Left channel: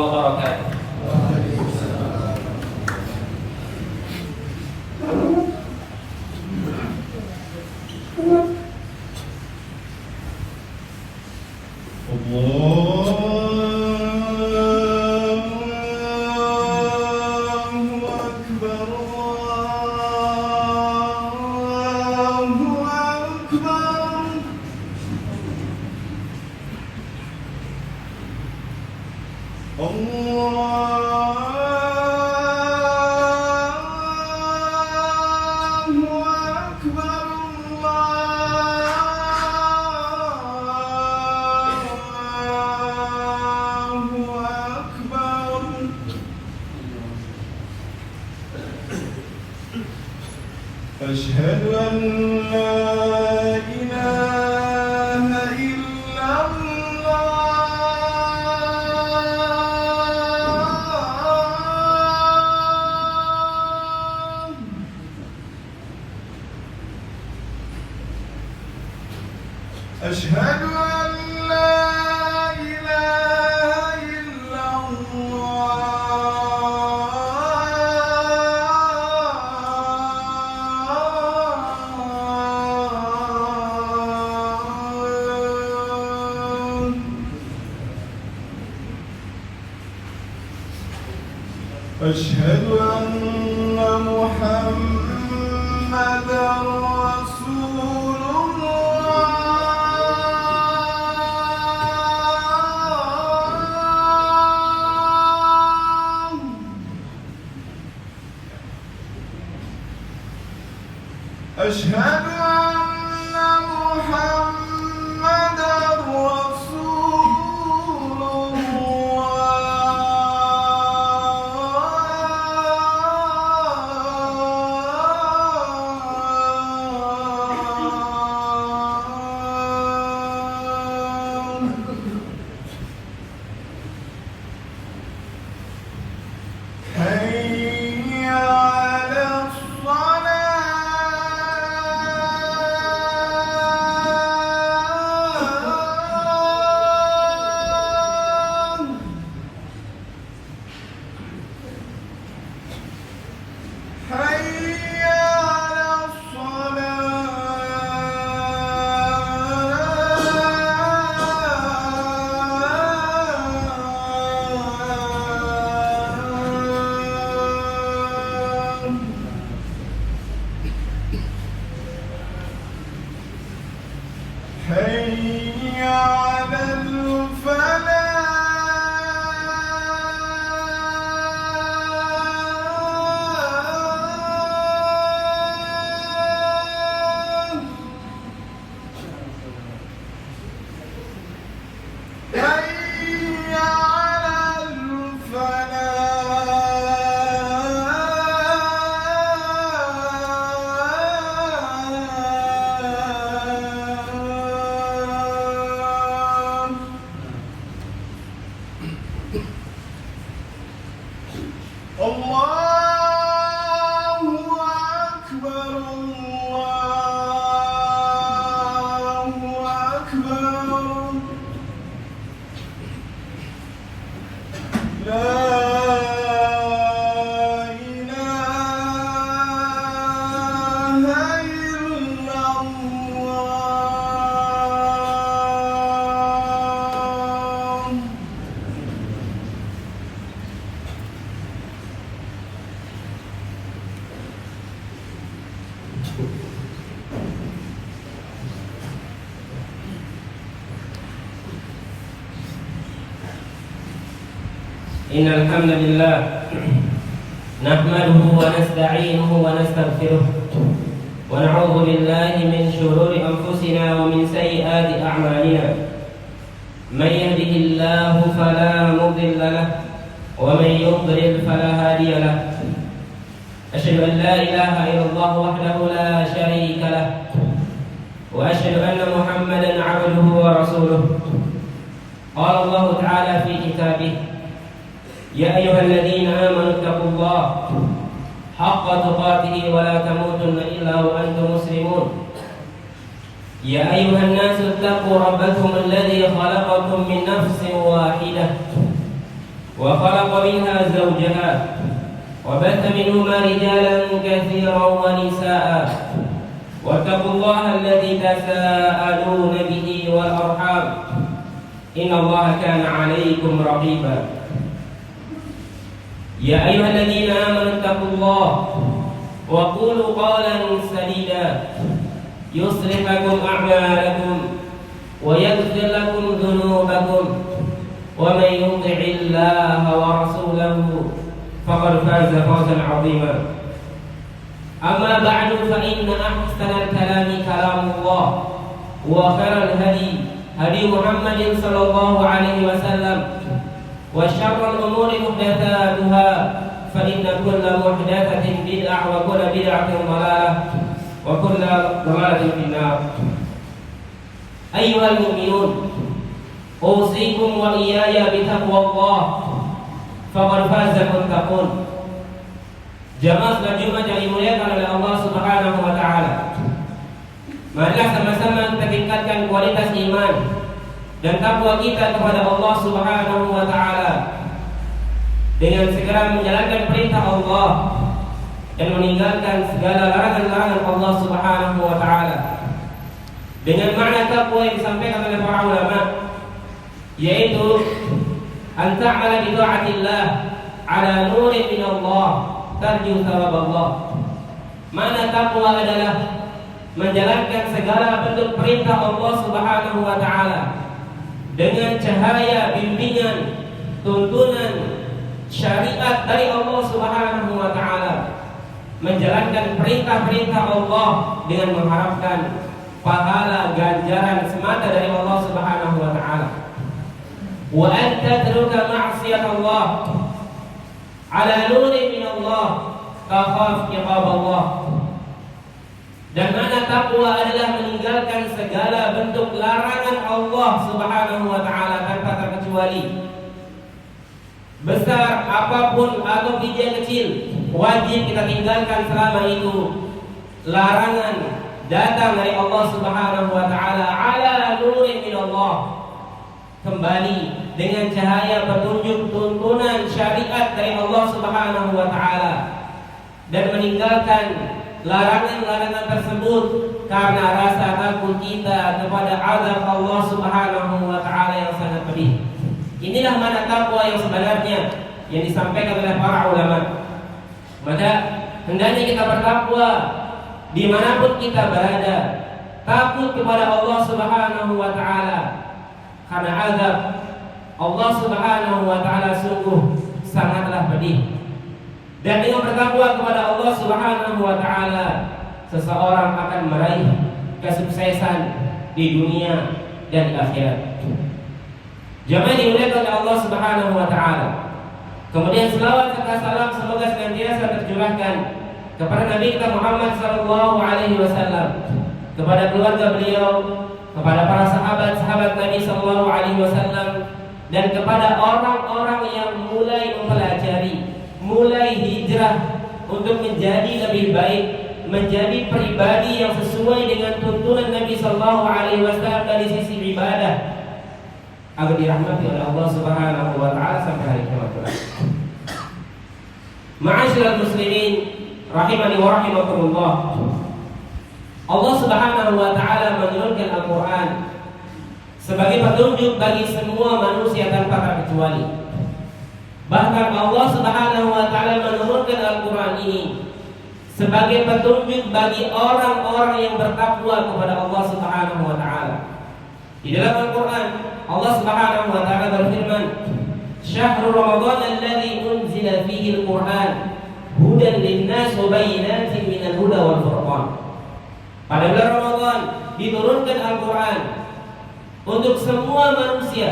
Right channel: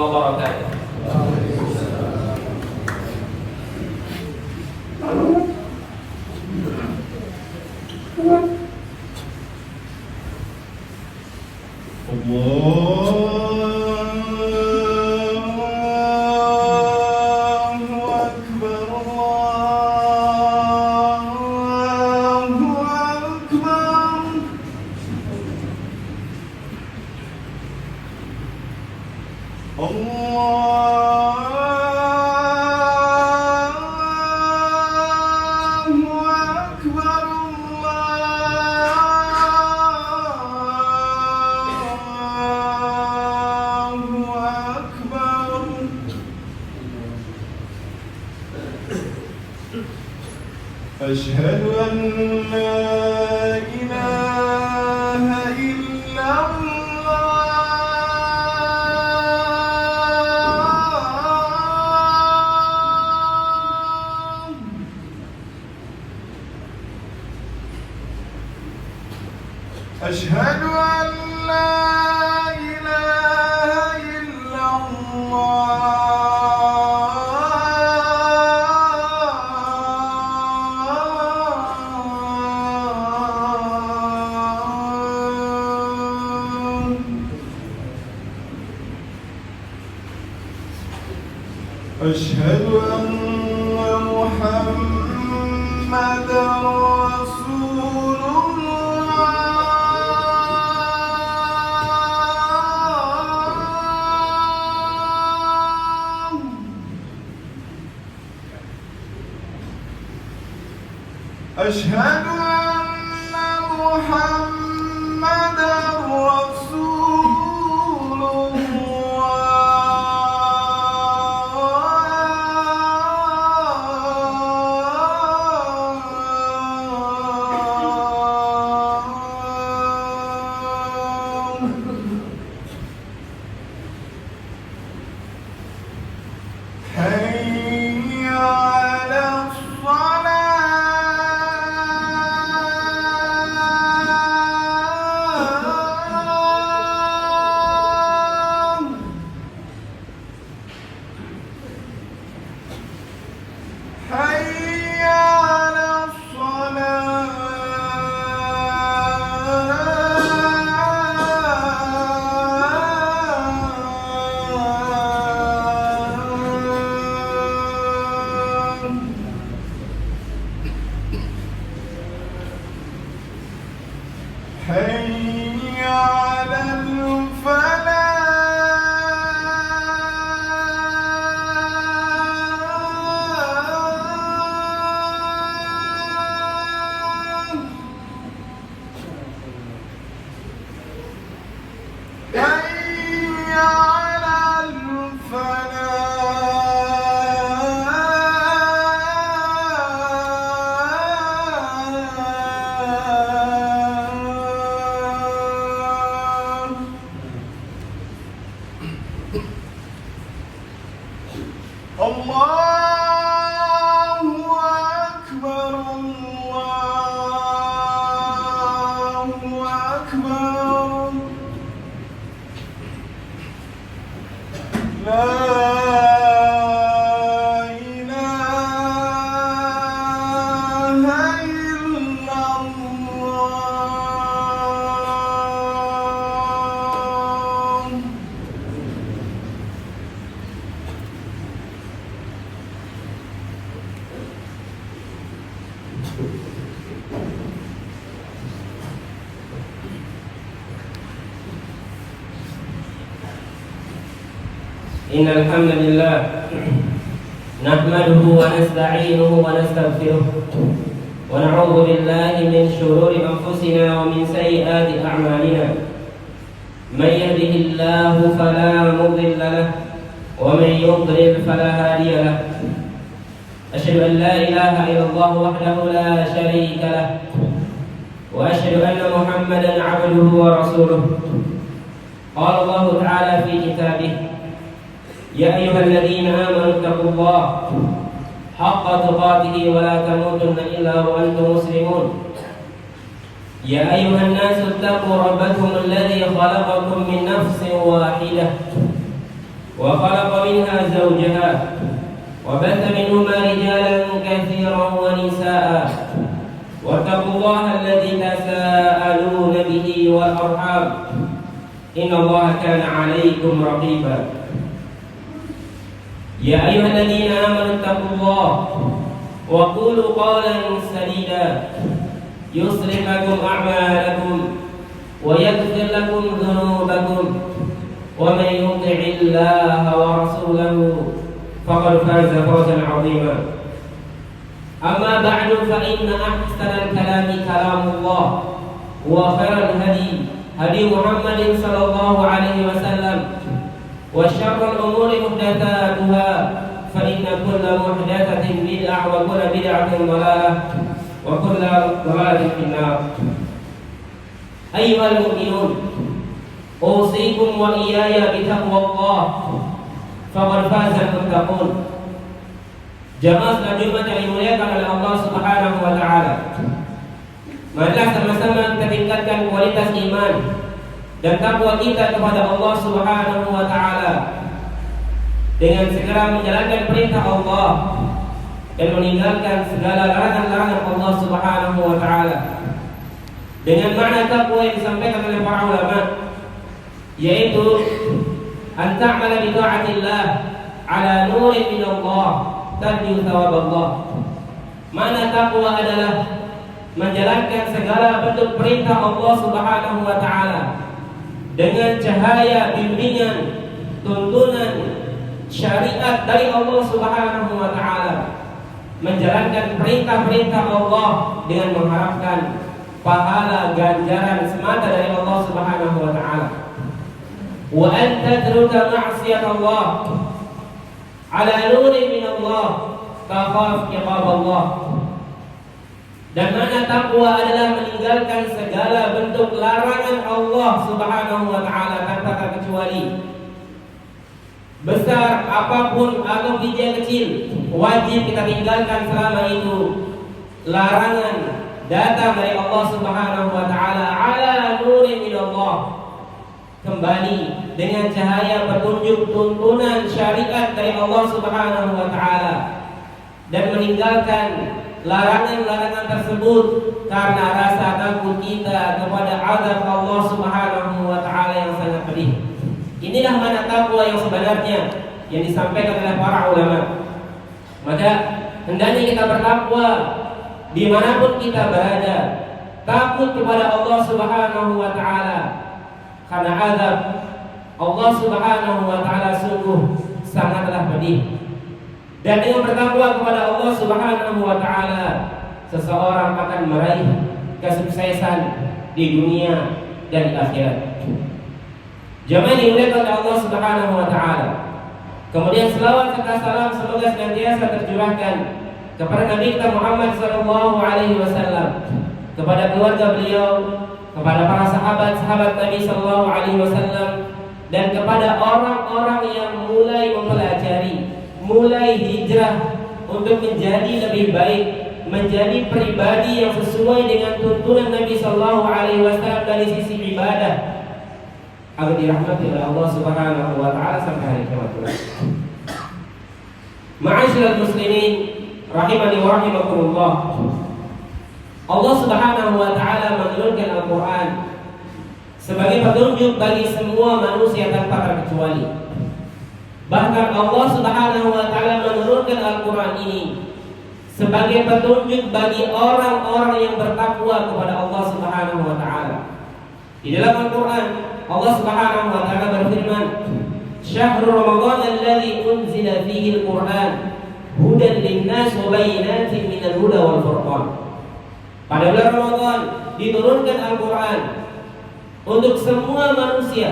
wabarakatuh. أشهد أن لا إله إلا الله. أشهد أن لا إله إلا أشهد أن محمدًا رسول الله. أشهد أن محمدًا رسول حي على الصلاة. حي على الصلاة. حي على الفلاح. حي على الفلاح. الله أكبر، الله أكبر. لا إله إلا الله. إن الحمد لله نحمده ونستعينه ونستغفره ونعوذ بالله من شرور أنفسنا ومن سيئات أعمالنا. من يهده الله فلا مضل له ومن يضلل فلا هادي له. أشهد أن لا إله إلا الله وحده لا شريك له وأشهد أن محمدًا عبده ورسوله. قال الله تعالى في كتابه: يا أيها الذين آمنوا اتقوا الله حق تقاته ولا تموتن إلا وأنتم مسلمون. يا أيها الناس اتقوا ربكم الذي خلقكم من نفس واحدة وخلق منها زوجها وبث منهما رجالا كثيرا ونساء واتقوا الله الذي تساءلون به والأرحام إن الله كان عليكم رقيبا يا أيها الذين آمنوا اتقوا الله وقولوا قولا سديدا يصلح لكم أعمالكم ويغفر لكم ذنوبكم ومن يطع الله ورسوله فقد فاز فوزا عظيما أما بعد فإن أحسن الكلام كلام الله وخير الهدي هدي محمد صلى الله عليه وسلم وشر الأمور محدثاتها فإن كل محدثة بدعة وكل بدعة ضلالة وكل ضلالة في النار. أيها المؤمنون أوصيكم وإياي بتقوى الله فقد فاز المتقون. Jamaah salat Jumat yang dimuliakan oleh Allah Subhanahu wa taala. Marilah sama-sama kita tingkatkan kualitas iman dan takwa kita kepada Allah Subhanahu wa taala dengan segera menjalankan perintah Allah dan meninggalkan segala larangan-larangan Allah Subhanahu wa taala. Dengan makna takwa yang disampaikan oleh para ulama, yaitu an ta'ala bi ta'atillah ala nurin min Allah tarju thawab Allah. Makna takwa adalah menjalankan segala bentuk perintah Allah Subhanahu wa taala dengan cahaya bimbingan tuntunan syariat dari Allah Subhanahu wa taala, menjalankan perintah-perintah Allah dengan mengharapkan pahala ganjaran semata dari Allah Subhanahu wa taala. Wa an tatruka ma'siyat Allah ala nurin min Allah takhaf iqab Allah. Dan mana takwa adalah meninggalkan segala bentuk larangan Allah Subhanahu wa taala tanpa terkecuali. Besar apapun atau kecil, wajib kita tinggalkan selama itu larangan datang dari Allah Subhanahu wa taala ala nurin min Allah, kembali dengan cahaya petunjuk tuntunan syariat dari Allah Subhanahu wa taala, dan meninggalkan larangan-larangan tersebut karena rasa takut kita kepada azab Allah Subhanahu wa taala yang sangat pedih. Inilah makna takwa yang sebenarnya yang disampaikan oleh para ulama. Maka hendaknya kita bertakwa dimanapun kita berada, takut kepada Allah Subhanahu wa taala, karena azab Allah Subhanahu wa taala sungguh sangatlah pedih. Dan dengan bertakwa kepada Allah Subhanahu wa taala, seseorang akan meraih kesuksesan di dunia dan di akhirat. Jamaah dimuliakan oleh Allah Subhanahu wa taala. Kemudian selawat serta salam semoga senantiasa tercurahkan kepada Nabi kita Muhammad sallallahu alaihi wasallam, kepada keluarga beliau, kepada para sahabat-sahabat Nabi sallallahu alaihi wasallam, dan kepada orang-orang yang mulai mempelajari, mulai hijrah untuk menjadi lebih baik, menjadi pribadi yang sesuai dengan tuntunan Nabi sallallahu alaihi wasallam dari sisi ibadah, agar dirahmati oleh Allah Subhanahu wa taala sampai hari kiamat kelak. Ma'asyiral muslimin rahimani wa rahimakumullah. Allah Subhanahu wa taala menurunkan Al-Qur'an sebagai petunjuk bagi semua manusia tanpa terkecuali. Bahkan Allah Subhanahu wa taala menurunkan Al-Qur'an ini sebagai petunjuk bagi orang-orang yang bertakwa kepada Allah Subhanahu wa taala. Di dalam Al-Qur'an Allah Subhanahu wa taala berfirman, "Syahrul Ramadan alladzi unzila fihi al-Qur'an hudan lin-nas wa bayyinatin minal huda wal furqan." Pada bulan Ramadan diturunkan Al-Qur'an untuk semua manusia,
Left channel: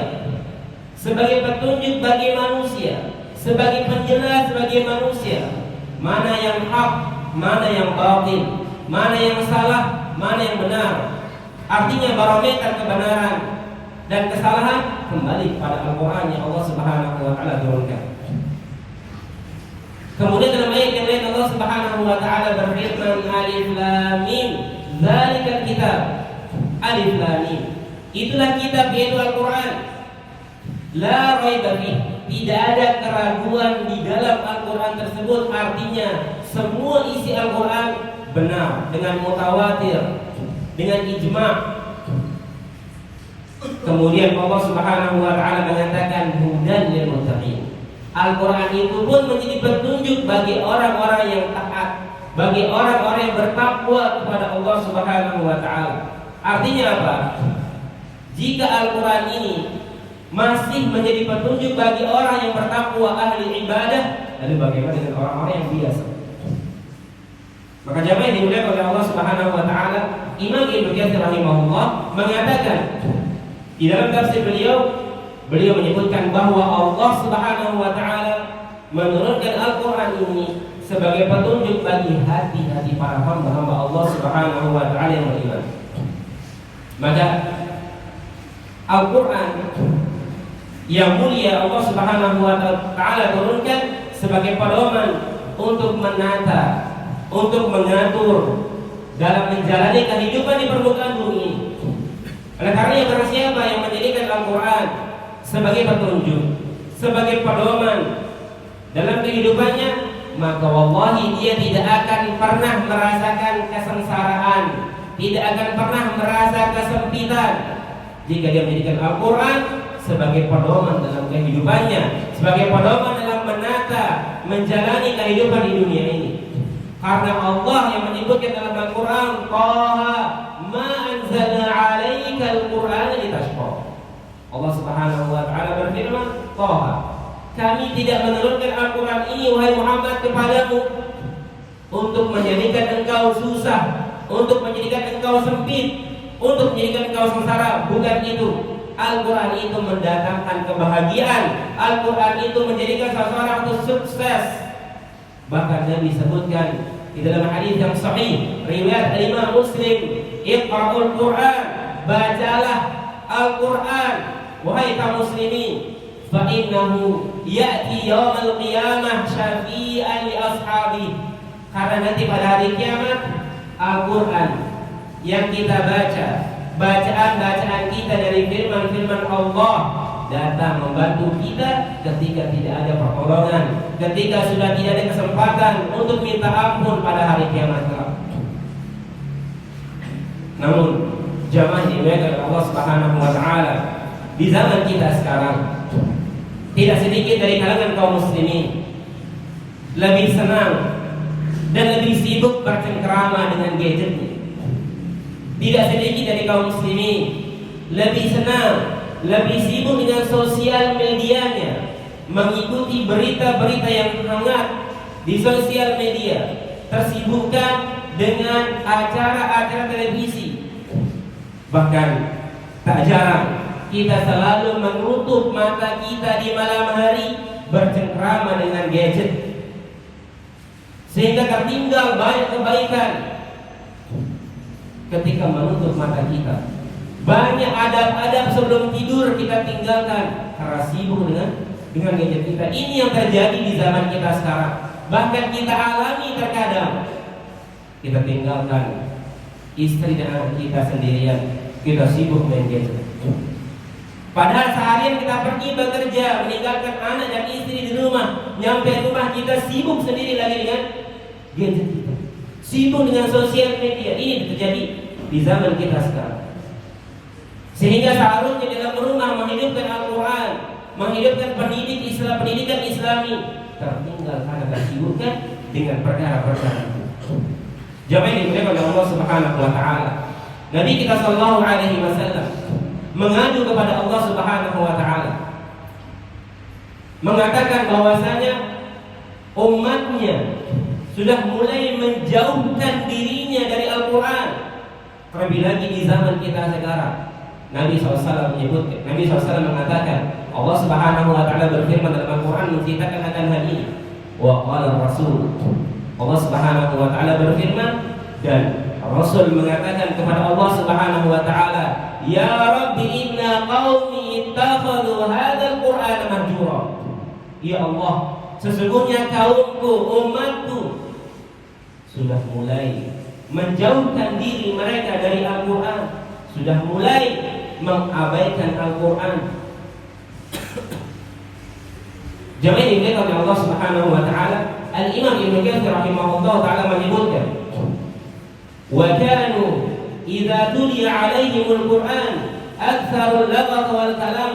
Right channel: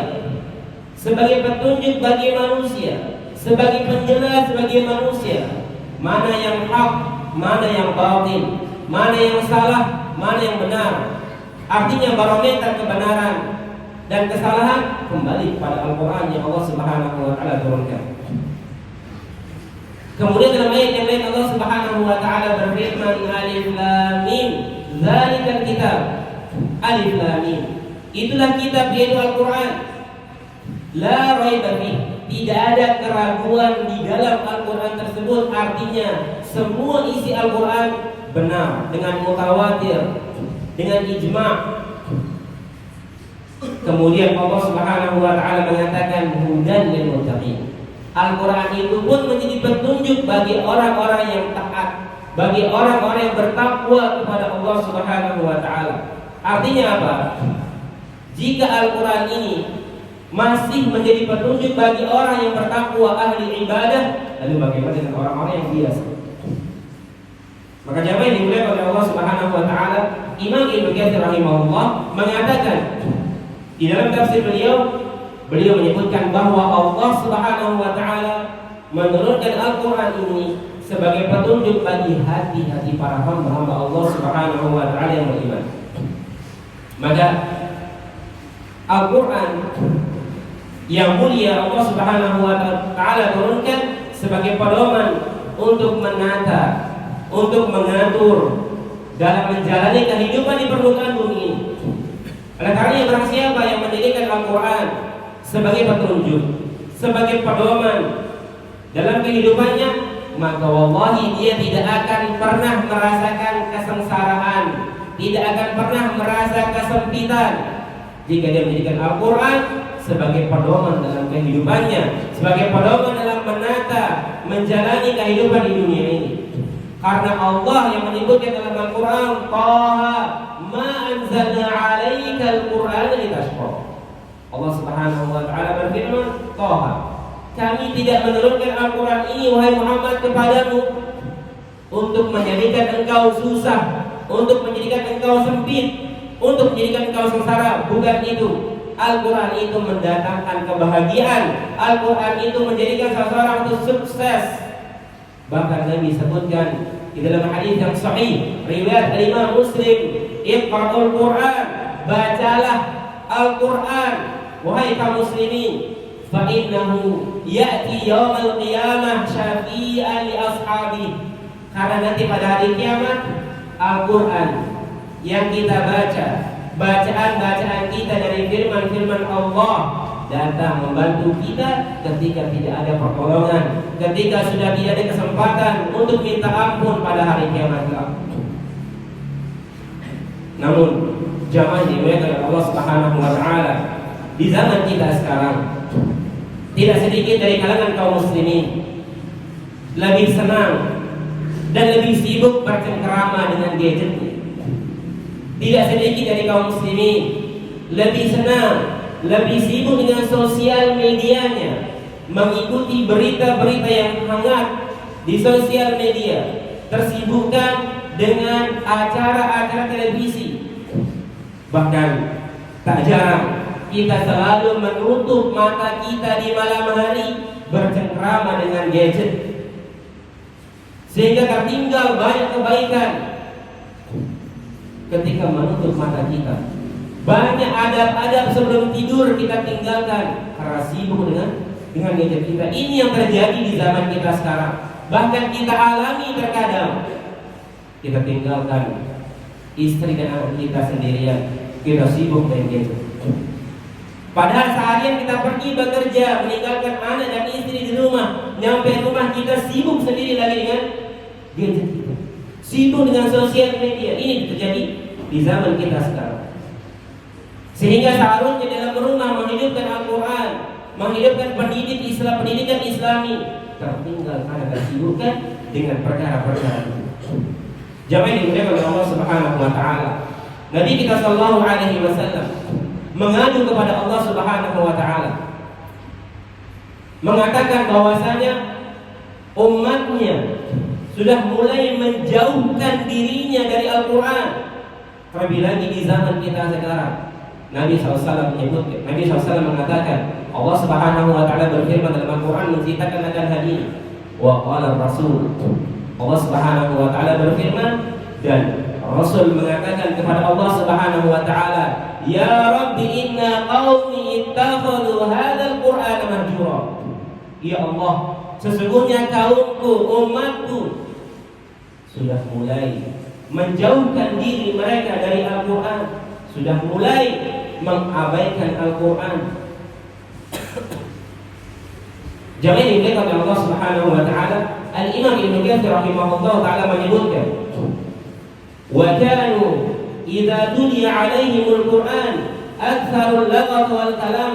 sebagai petunjuk bagi manusia, sebagai penjelas bagi manusia, mana yang hak, mana yang batil, mana yang salah, mana yang benar. Artinya barometer kebenaran dan kesalahan kembali pada Al-Quran yang Allah Subhanahu wa taala turunkan. Kemudian dalam ayat yang lain Allah Subhanahu wa taala berfirman, Alif Lam Mim, zalikal kitab. Alif Lam Mim, itulah kitab yaitu Al-Quran. La raiba fihi, tidak ada keraguan di dalam Al-Quran tersebut. Artinya semua isi Al-Quran benar dengan mutawatir, dengan ijma'. Kemudian Allah Subhanahu wa taala mengatakan hudan lil muttaqin. Al-Quran itu pun menjadi petunjuk bagi orang-orang yang taat, bagi orang-orang yang bertakwa kepada Allah Subhanahu wa taala. Artinya apa? Jika Al-Quran ini masih menjadi petunjuk bagi orang yang bertakwa, ahli ibadah, lalu bagaimana dengan orang-orang yang biasa? Maka jamaah yang dimuliakan oleh Allah Subhanahu wa taala, Imam Ibnu Katsir rahimahullah mengatakan di dalam tafsir beliau menyebutkan bahwa Allah Subhanahu wa taala menurunkan Al-Quran ini sebagai petunjuk bagi hati-hati para hamba Allah Subhanahu wa taala yang beriman. Maka Al-Quran yang mulia Allah Subhanahu wa taala turunkan sebagai pedoman untuk menata, untuk mengatur dalam menjalani kehidupan di permukaan bumi ini. Oleh karena barang siapa yang menjadikan Al-Quran sebagai petunjuk, sebagai pedoman dalam kehidupannya, maka wallahi dia tidak akan pernah merasakan kesengsaraan, tidak akan pernah merasa kesempitan jika dia menjadikan Al-Quran sebagai pedoman dalam kehidupannya, sebagai pedoman dalam menata, menjalani kehidupan di dunia ini. Karena Allah yang menyebutkan dalam Al-Quran, Taha ma anzalna 'alaika al-Qur'ana litashqa. Allah Subhanahu wa taala berfirman, Taha, kami tidak menurunkan Al-Quran ini wahai Muhammad kepadamu untuk menjadikan engkau susah, untuk menjadikan engkau sempit, untuk menjadikan engkau sengsara. Bukan itu. Al-Quran itu mendatangkan kebahagiaan. Al-Quran itu menjadikan seseorang itu sukses. Bahkan Nabi sebutkan di dalam hadis yang sahih riwayat Imam Muslim, Iqra'ul Quran, bacalah Al-Quran wahai kaum muslimin, fa innahu ya'ti yaumal qiyamah syafi'an li ashabi. Karena nanti pada hari kiamat Al-Quran yang kita baca, bacaan-bacaan kita dari firman-firman Allah datang membantu kita ketika tidak ada pertolongan, ketika sudah tidak ada kesempatan untuk minta ampun pada hari kiamat. Namun jamaah dimuliakan oleh Allah Subhanahu wa taala, di zaman kita sekarang tidak sedikit dari kalangan kaum muslimin lebih senang dan lebih sibuk bercengkrama dengan gadgetnya. Tidak sedikit dari kaum muslimin lebih senang, lebih sibuk dengan sosial medianya, mengikuti berita-berita yang hangat di sosial media, tersibukkan dengan acara-acara televisi. Bahkan tak jarang kita selalu menutup mata kita di malam hari bercengkrama dengan gadget, sehingga tertinggal banyak kebaikan ketika menutup mata kita. Banyak adab-adab sebelum tidur kita tinggalkan karena sibuk dengan gadget kita. Ini yang terjadi di zaman kita sekarang. Bahkan kita alami terkadang kita tinggalkan istri dan anak kita sendirian, kita sibuk dengan gadget. Padahal seharian kita pergi bekerja, meninggalkan anak dan istri di rumah, nyampe rumah kita sibuk sendiri lagi dengan gadget kita, sibuk dengan sosial media. Ini terjadi di zaman kita sekarang. Sehingga seharusnya dalam rumah menghidupkan Al-Quran, menghidupkan pendidikan Islami, tertinggal karena kesibukan dengan perkara-perkara. Jamaah yang dimuliakan oleh Allah Subhanahu wa taala, Nabi kita sallallahu alaihi wasallam mengadu kepada Allah Subhanahu wa taala, mengatakan bahwasanya umatnya sudah mulai menjauhkan dirinya dari Al-Quran. Terlebih lagi di zaman kita sekarang. Nabi SAW menyebutkan, Nabi SAW mengatakan, Allah Subhanahu wa taala berfirman dalam Al-Quran menceritakan akan hal ini. Wa qala Rasul, Allah Subhanahu wa taala berfirman dan Rasul mengatakan kepada Allah Subhanahu wa taala, ya Rabbi inna qaumi ittakhadhu hadzal Qur'ana mahjura. Ya Allah, sesungguhnya kaumku, umatku sudah mulai menjauhkan diri mereka dari Al-Quran, sudah mulai mengabaikan Al-Quran. Jangan dimuliakan oleh Allah Subhanahu wa taala. Al-Imam Ibnu Katsir rahimahullah taala menyebutkan, "Wa kanu idza tuliya 'alaihimul Qur'an aktsarul laghat wal kalam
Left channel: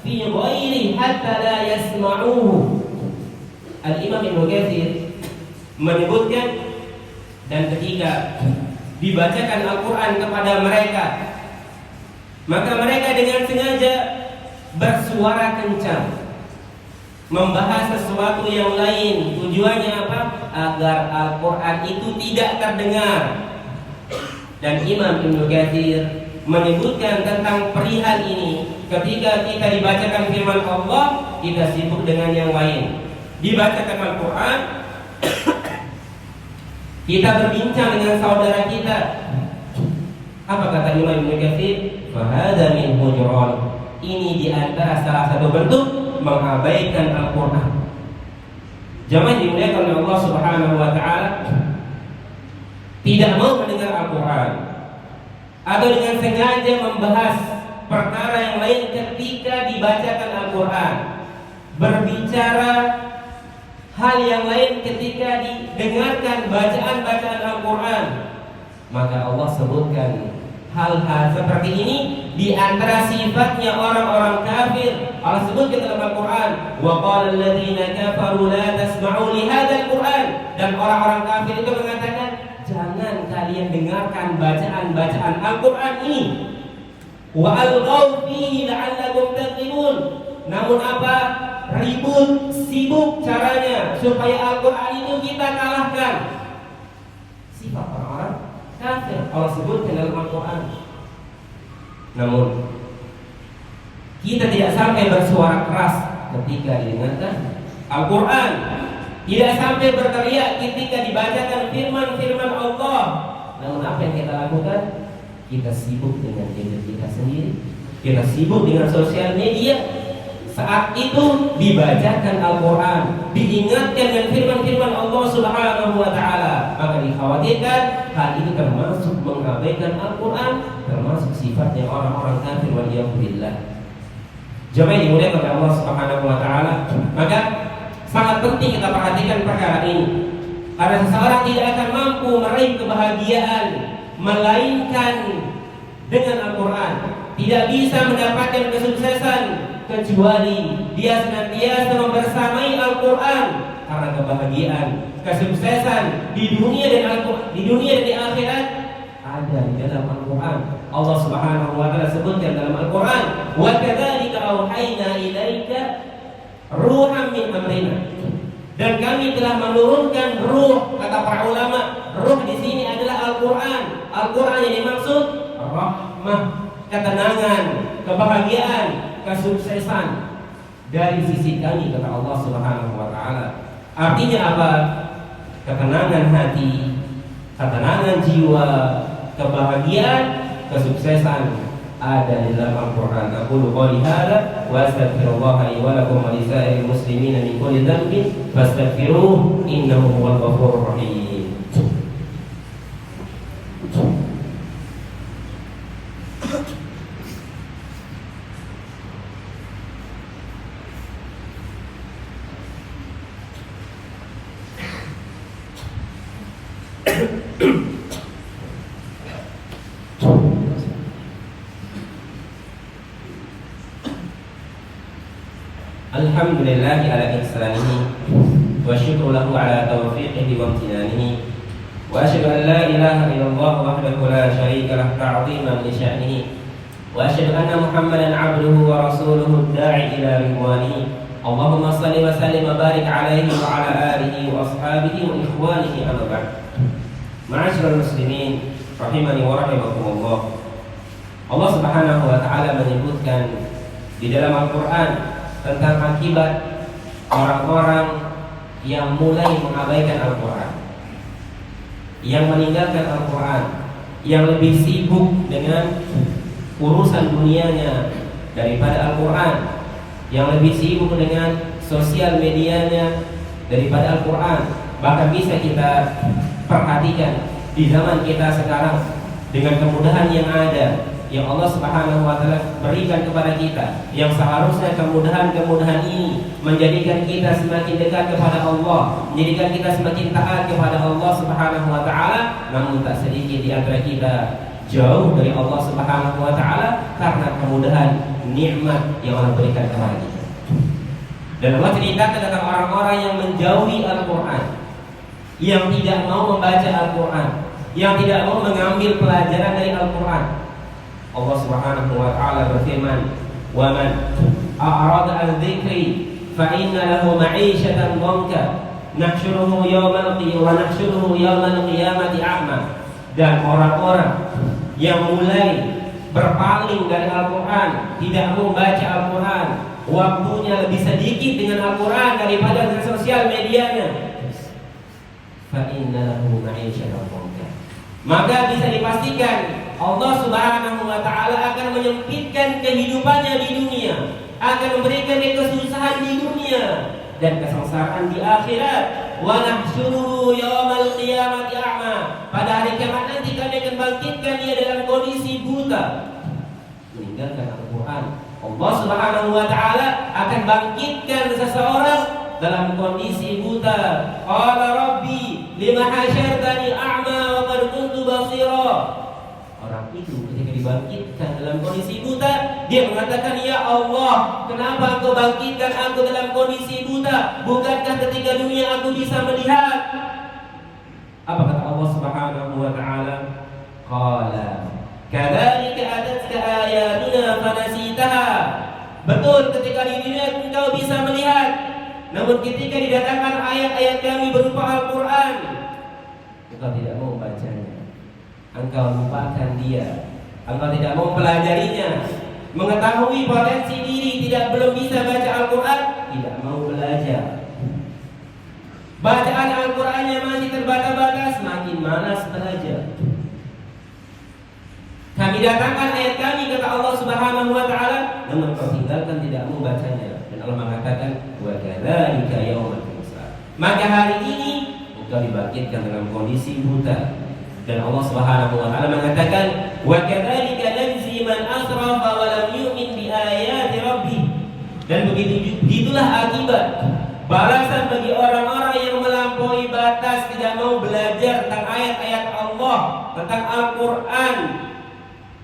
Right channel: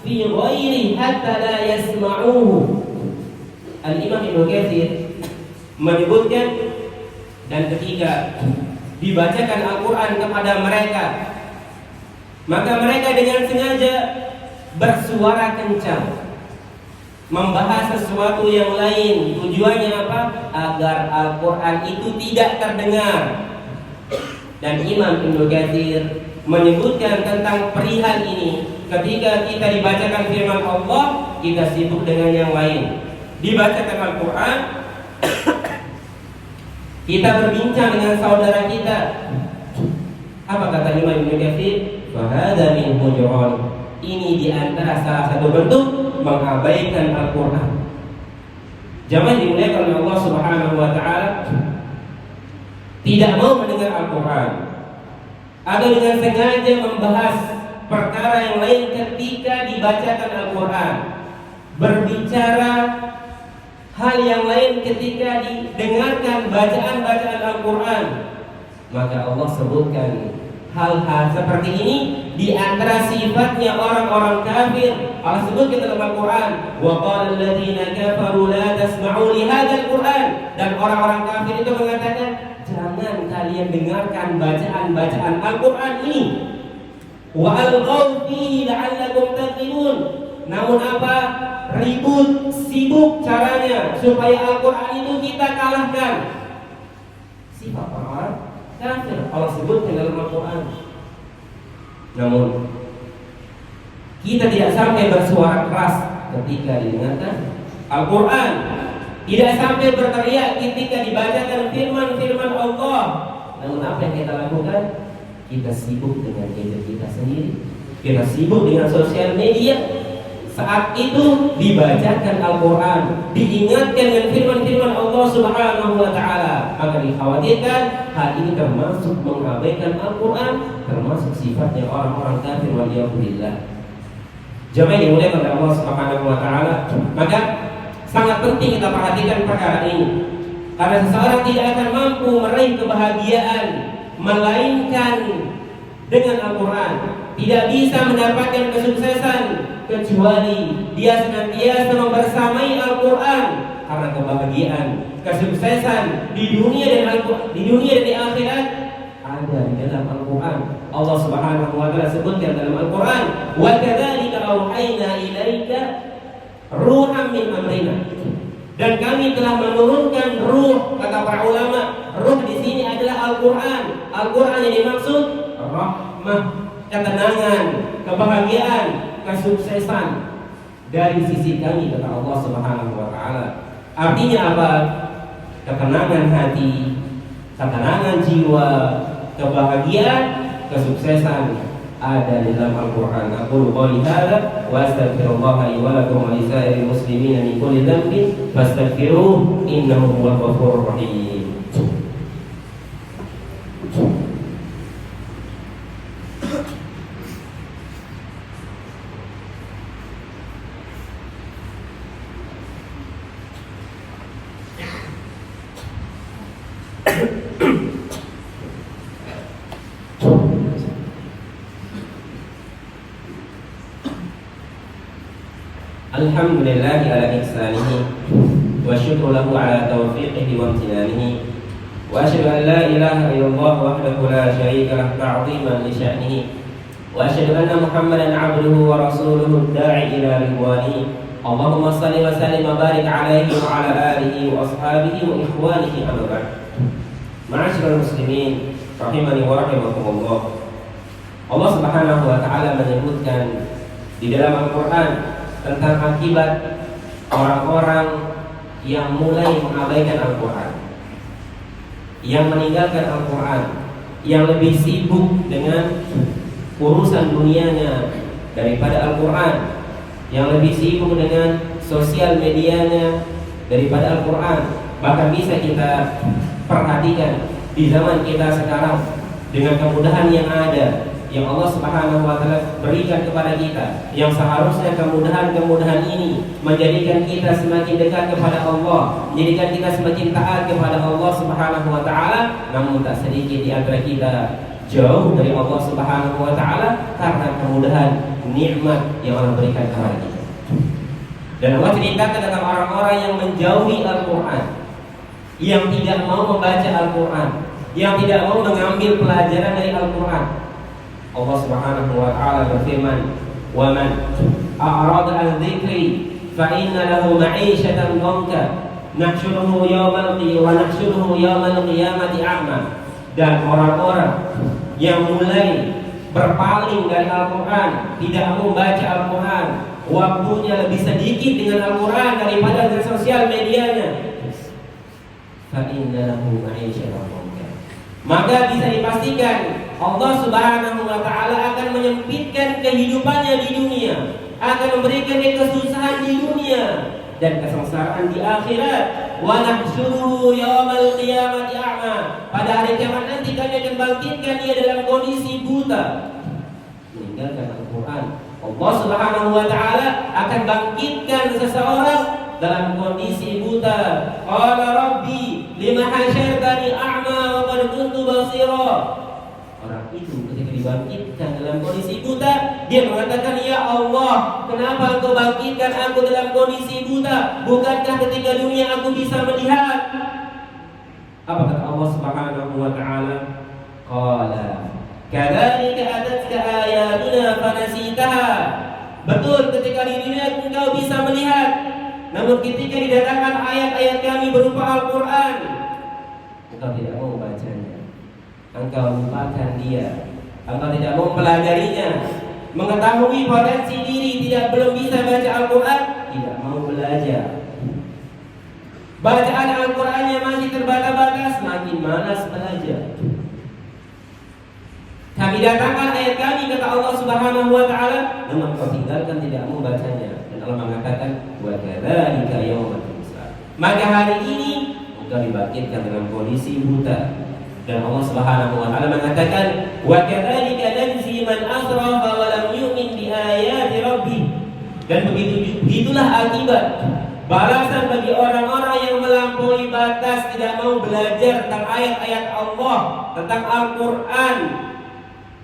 fi ghairi hatta la yasma'uhu." Al-Imam Ibnu Katsir menyebutkan, dan ketika dibacakan Al-Quran kepada mereka, maka mereka dengan sengaja bersuara kencang, membahas sesuatu yang lain. Tujuannya apa? Agar Al-Quran itu tidak terdengar. Dan Imam Ibnu Katsir menyebutkan tentang perihal ini, ketika kita dibacakan firman Allah, kita sibuk dengan yang lain. Dibacakan Al-Quran, kita berbincang dengan saudara kita. Apa kata Imam Ibnu Katsir? Fahadha min hujran. Ini di antara salah satu bentuk mengabaikan Al-Quran. Jangan dimuliakan oleh Allah Subhanahu wa taala, tidak mau mendengar Al-Quran atau dengan sengaja membahas perkara yang lain ketika dibacakan Al-Quran, berbicara hal yang lain ketika didengarkan bacaan-bacaan Al-Quran, maka Allah sebutkan hal-hal seperti ini di antara sifatnya orang-orang kafir. Allah sebutkan dalam Al-Quran, wa qala alladziina kafaru la tasma'u li hadzal Qur'an, dan orang-orang kafir itu mengatakan, jangan kalian dengarkan bacaan-bacaan Al-Quran ini. Wa alqaw fihi la'allakum taqilun. Namun apa? Ribut, sibuk caranya supaya Al-Quran itu kita kalahkan. Sifat orang-orang kafir Allah sebutkan dalam Al-Quran. Namun kita tidak sampai bersuara keras ketika didengarkan Al-Quran, tidak sampai berteriak ketika dibacakan firman-firman Allah. Namun apa yang kita lakukan? Kita sibuk dengan diri kita sendiri, kita sibuk dengan sosial media. Saat itu dibacakan Al-Quran, diingatkan dengan firman-firman Allah Subhanahu wa taala, maka dikhawatirkan hal ini termasuk mengabaikan Al-Quran, termasuk sifatnya orang-orang kafir waliyadzubillah. Jemaah yang dimuliakan oleh Allah Subhanahu wa taala, maka sangat penting kita perhatikan perkara ini, karena seseorang tidak akan mampu meraih kebahagiaan melainkan dengan Al-Quran. Tidak bisa mendapatkan kesuksesan kecuali dia senantiasa membersamai Al-Quran, karena kebahagiaan, kesuksesan di dunia dan di akhirat ada di dalam Al-Quran. Allah Subhanahu wa taala sebutkan dalam Al-Quran, wa kadzalika auhayna ilaika ruhan min amrina, dan kami telah menurunkan ruh. Kata para ulama, ruh di sini adalah Al-Quran. Al-Quran yang dimaksud rahmah, ketenangan, kebahagiaan, kesuksesan dari sisi kami, kata Allah Subhanahu wa taala. Artinya apa? Ketenangan hati, ketenangan jiwa, kebahagiaan, kesuksesan ada di dalam Al-Quran. Aqulu qouli hadza wa astaghfirullah li wa lakum wa lisairil muslimin min kulli dhanbin fastaghfiruhu innahu huwal ghafurur rahim. Alhamdulillahi ala ihsanihi wa syukru lahu ala taufiqihi wa amtinanihi wa asyhadu an la ilaha illallah wahdahu la syarika lah ta'ziman li sya'nihi wa asyhadu anna Muhammadan 'abduhu wa rasuluhu ad-da'i ila ridwanihi. Allahumma shalli wa sallim wa barik alaihi wa ala alihi wa ashabihi wa ikhwanihi amma ba'd. Ma'asyiral muslimin rahimani wa rahimakumullah. Allah Subhanahu wa taala menyebutkan di dalam Al-Qur'an tentang akibat orang-orang yang mulai mengabaikan Al-Quran, yang meninggalkan Al-Quran, yang lebih sibuk dengan urusan dunianya daripada Al-Quran, yang lebih sibuk dengan sosial medianya daripada Al-Quran. Bahkan bisa kita perhatikan di zaman kita sekarang, dengan kemudahan yang ada, yang Allah Subhanahu wa taala berikan kepada kita, yang seharusnya kemudahan-kemudahan ini menjadikan kita semakin dekat kepada Allah, menjadikan kita semakin taat kepada Allah Subhanahu wa taala, namun tak sedikit di antara kita jauh dari Allah Subhanahu wa taala karena kemudahan nikmat yang Allah berikan kepada kita. Dan Allah ceritakan tentang orang-orang yang menjauhi Al-Quran, yang tidak mau membaca Al-Quran, yang tidak mau mengambil pelajaran dari Al-Quran. Allah Subhanahu wa taala berfirman, "Wa man a'rada 'an dzikri fa inna lahu ma'isyatan dhanka, nahsyuruhu yawmal qiyamati a'ma." Dan orang-orang yang mulai berpaling dari Al-Quran, tidak mau membaca Al-Quran, waktunya lebih sedikit dengan Al-Quran daripada dengan sosial medianya, maka bisa dipastikan Allah Subhanahu wa taala akan menyempitkan kehidupannya di dunia, akan memberikan dia kesusahan di dunia dan kesengsaraan di akhirat. Wa nahsyuruhu yaumal qiyamati a'ma. Pada hari kiamat nanti kami akan bangkitkan dia dalam kondisi buta, meninggalkan Al-Quran. Allah Subhanahu wa taala akan bangkitkan seseorang dalam kondisi buta. Qala rabbi lima hasyartani a'ma wa qad kuntu basira. Orang itu ketika dibangkitkan dalam kondisi buta, dia mengatakan, "Ya Allah, kenapa Engkau bangkitkan aku dalam kondisi buta? Bukankah ketika dunia aku bisa melihat?" Apa kata Allah Subhanahu wa taala? Qala kadzalika atatka ayatuna fanasitaha. Betul, ketika di dunia engkau bisa melihat, namun ketika didatangkan ayat-ayat kami berupa Al-Quran, engkau tidak mau membacanya, engkau lupakan dia, engkau tidak mau mempelajarinya, mengetahui potensi diri belum bisa baca Al-Quran, tidak mau belajar. Bacaan Al-Qurannya masih terbata-bata, semakin malas belajar. Kami datangkan ayat kami, kata Allah Subhanahu wa taala, namun kau tinggalkan, tidak mau bacanya. Dan Allah mengatakan, "Wa kadzalika yaumul hisab." Maka hari ini engkau dibangkitkan dalam kondisi buta. Dan Allah Subhanahu wa taala mengatakan, "Wa kadzalika najzi man asrafa wa lam yu'min bi ayati rabbih." Dan begitulah akibat, balasan bagi orang-orang yang melampaui batas, tidak mau belajar tentang ayat-ayat Allah, tentang Al-Quran,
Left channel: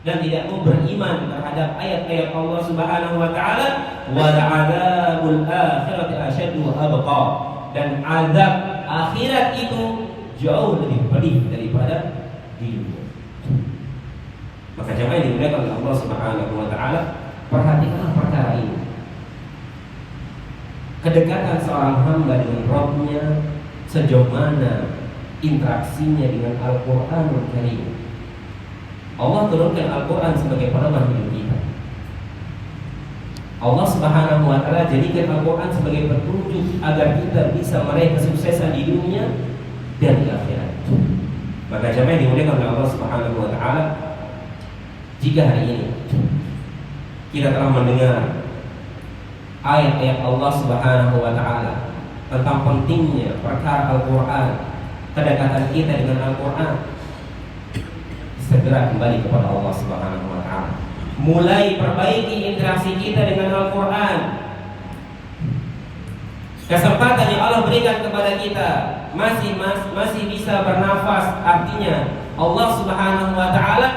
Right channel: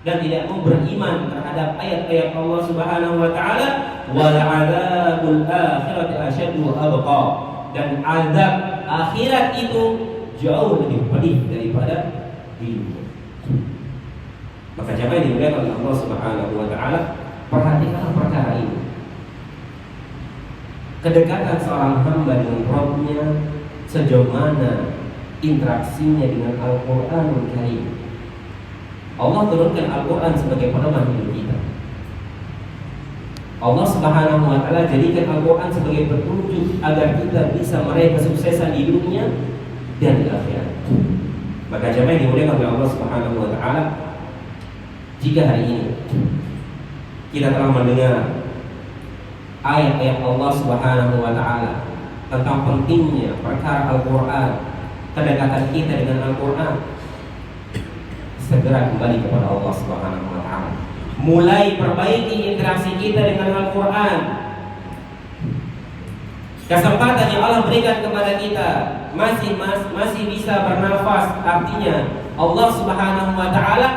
dan tidak mau beriman terhadap ayat-ayat Allah Subhanahu wa taala. Wal 'adzabul akhirati asyaddu wa abqa. Dan azab akhirat itu jauh lebih pedih daripada di dunia. Maka jemaah yang dimuliakan oleh Allah Subhanahu wa taala, perhatikan perkara ini. Kedekatan seorang hamba dengan Rabb-nya, sejauh mana interaksinya dengan Al-Qur'anul Karim. Allah turunkan Al-Quran sebagai pedoman hidup kita. Allah Subhanahu wa taala jadikan Al-Quran sebagai petunjuk agar kita bisa meraih kesuksesan di dunia dan di akhirat. Maka jemaah yang dimuliakan oleh Allah Subhanahu wa taala, jika hari ini kita telah mendengar ayat-ayat Allah Subhanahu wa taala tentang pentingnya perkara Al-Quran, kedekatan kita dengan Al-Quran, segera kembali kepada Allah Subhanahu wa taala. Mulai perbaiki interaksi kita dengan Al-Quran. Kesempatan yang Allah berikan kepada kita masih bisa bernafas, artinya Allah Subhanahu wa taala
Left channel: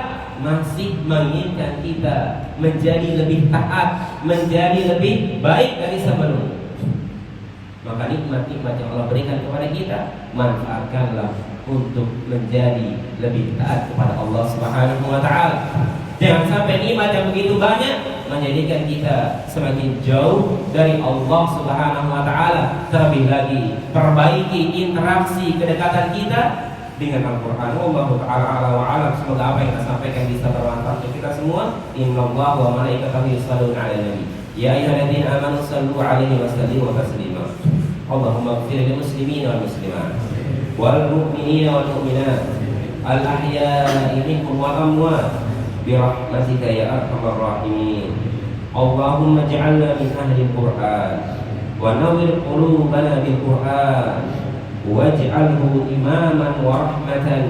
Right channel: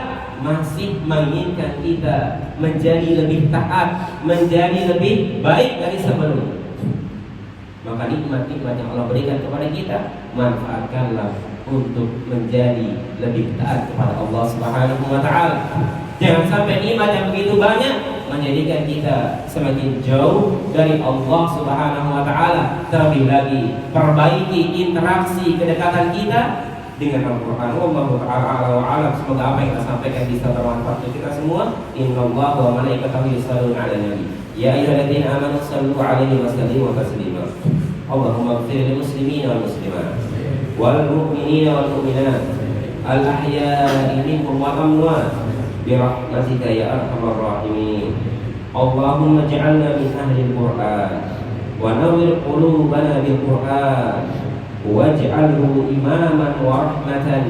masih menginginkan kita menjadi lebih taat, menjadi lebih baik dari sebelumnya. Maka nikmat-nikmat yang Allah berikan kepada kita, manfaatkanlah untuk menjadi lebih taat kepada Allah Subhanahu wa taala. Jangan sampai nikmat yang begitu banyak menjadikan kita semakin jauh dari Allah Subhanahu wa taala. Terlebih lagi, perbaiki interaksi kedekatan kita dengan Al-Qur'an. Wallahu ta'ala a'lam wa a'lam. Semoga apa yang kita sampaikan bisa bermanfaat untuk kita semua. Innallaha wa malaikatahu yusholluna 'alan nabi. Ya ayyuhalladzina amanu shallu 'alaihi wa sallimu taslima. Allahumma ighfir lil muslimina wal muslimat wal mu'minina wal mu'minat al ahya'i minhum wal amwat bi rahmatika ya arhamar rahimin. Allahumma ij'alna min ahli al-Qur'an wa nawwir qulubana bil Qur'an waj'alhu imaman wa rahmatan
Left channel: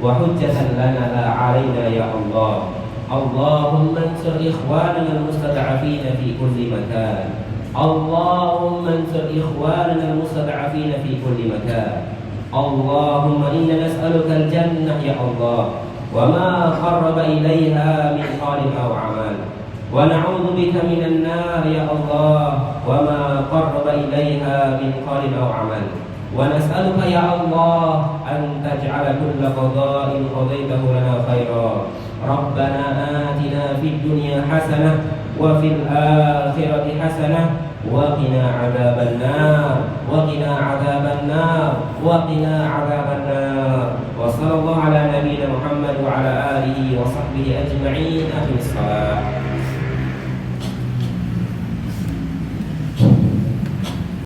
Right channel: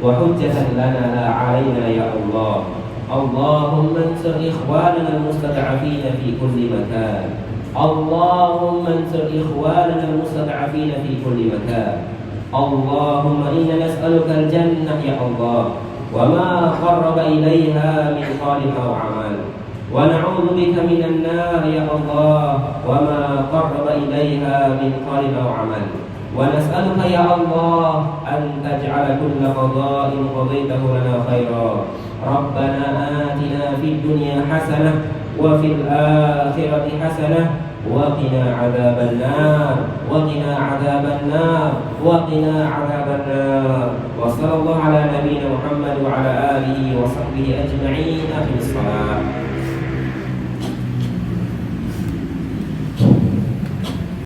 wa hujjatan lana la 'alaina ya Allah. اللهم انصر إخواننا المستضعفين في كل مكان. اللهم انصر إخواننا المستضعفين في كل مكان. اللهم إنا نسألك الجنة يا الله وما قرب إليها من قول أو عمل، ونعوذ بك من النار يا الله وما قرب إليها من قول أو عمل. ونسألك يا الله أن تجعل كل قضاء قضيته لنا خيرا. ربنا آتنا في الدنيا حسنة وفي الآخرة حسنة وقنا عذاب النار وقنا عذاب النار وقنا عذاب النار. وصلى الله على نبينا محمد وعلى آله وصحبه أجمعين. أقم الصلاة.